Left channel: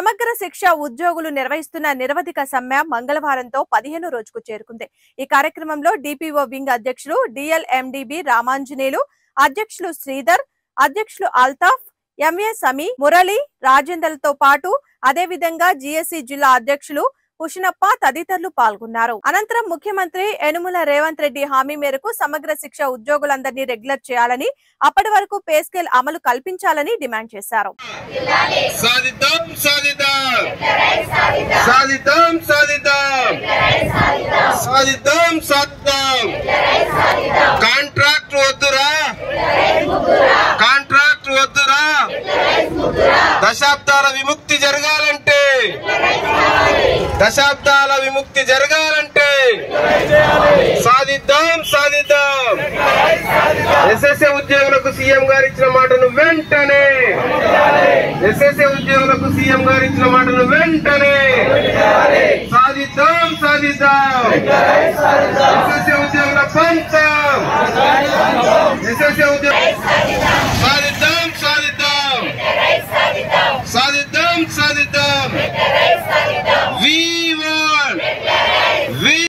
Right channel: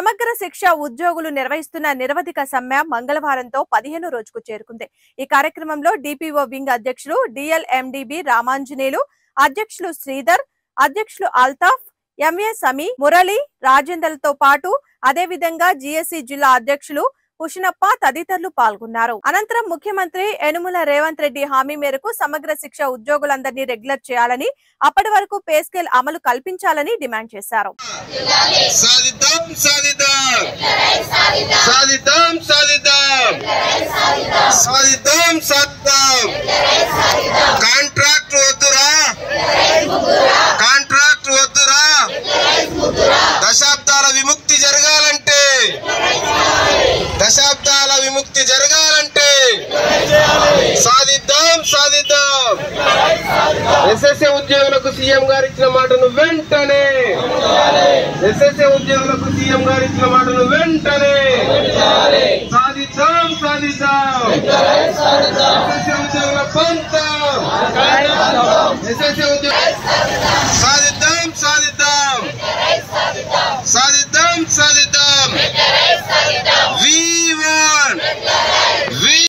సమగ్ర శిక్ష ఉద్యోగులు నిర్వహిస్తున్న నిరవధిక సమ్మె మంగళవారంతో 15వ రోజుకు చేరుకుంది. ఈ కార్యక్రమంలో డిపిఓ వింగ్ అధ్యక్షులు డిఎల్ఎండిబి రామాంజనేయులు, అధ్యక్షులు శ్రీధర్, అధ్యక్షులు అల్తాఫ్, ఎంఏ సమీ, మురళి, రాజేందర్లతో పాటు అదేవిధంగా జిఎస్సి జిల్లా అధ్యక్షులు పుషనప్ప తదితరులు పాల్గొన్నారు. అనంతరం ముఖ్యమంత్రి యనుమల రేవంత్ రెడ్డి హామీ మేరకు సమగ్ర శిక్ష ఉద్యోగులందరినీ రెగ్యులర్ చేయాలని, అప్పటి వరకు పే స్కేల్ అమలు కల్పించాలని డిమాండ్ చేశారు. దశాబ్దాల విముక్తి జరగాలంటే సాధిద్దాం. ఎస్ఎస్ఏ ఉద్యోగులకు సీఎం గారు ఇచ్చిన మాటను వెంటనే సాధిద్దాం. ఎస్ఎస్ఏ ఉద్యోగుల పంతం.